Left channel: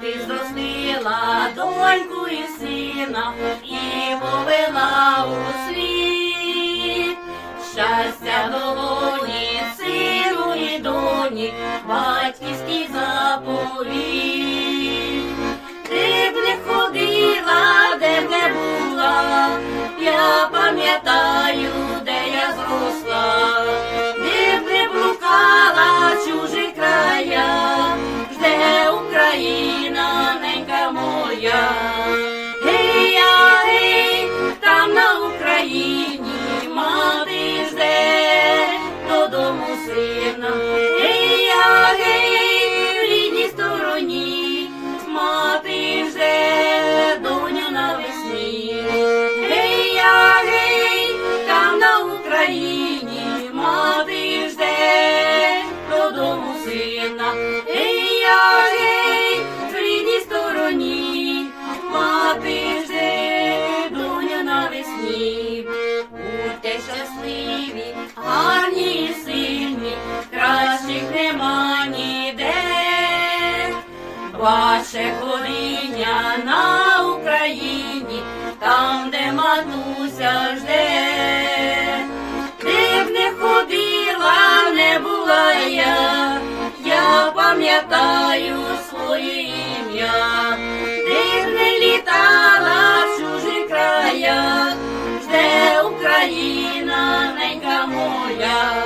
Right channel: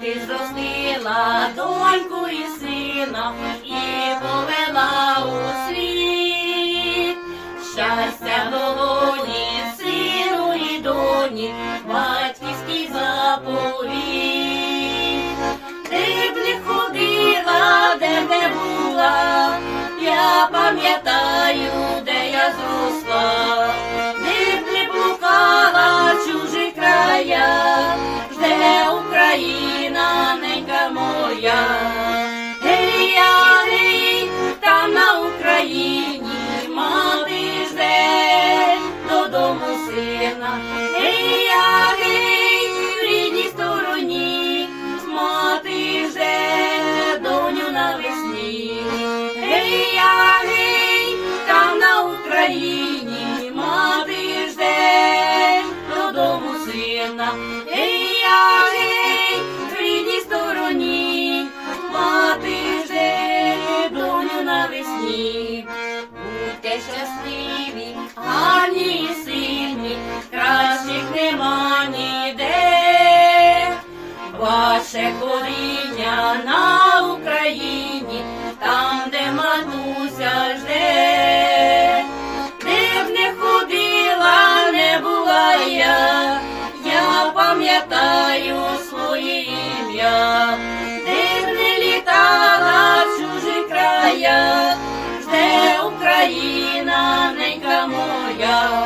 мати зростила доньку і сина і повела Україні мати жде додому сина. Гей, я, гей, в рідній стороні мати жде доню навесні. Будьте щасливі, гарні і сильні, кращих нема ніде. Ваше коріння на Україні, там, де матуся жде, пам'ятаю своє ім'я, де не літала в чужі края, де Україна ненька моя,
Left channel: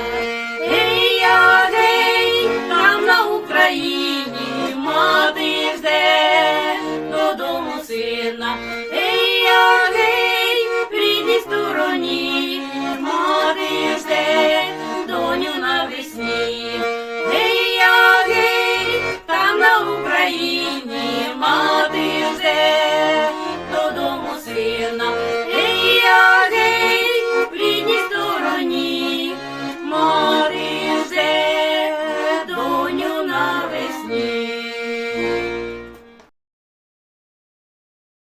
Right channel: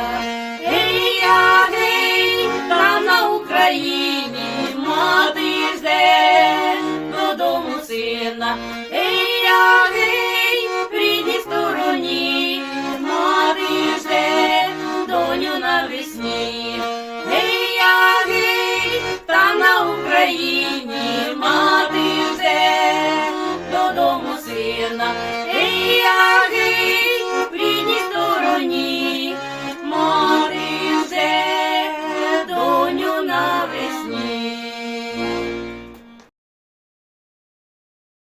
Гей, я гей, там на Україні мати взе додому сина.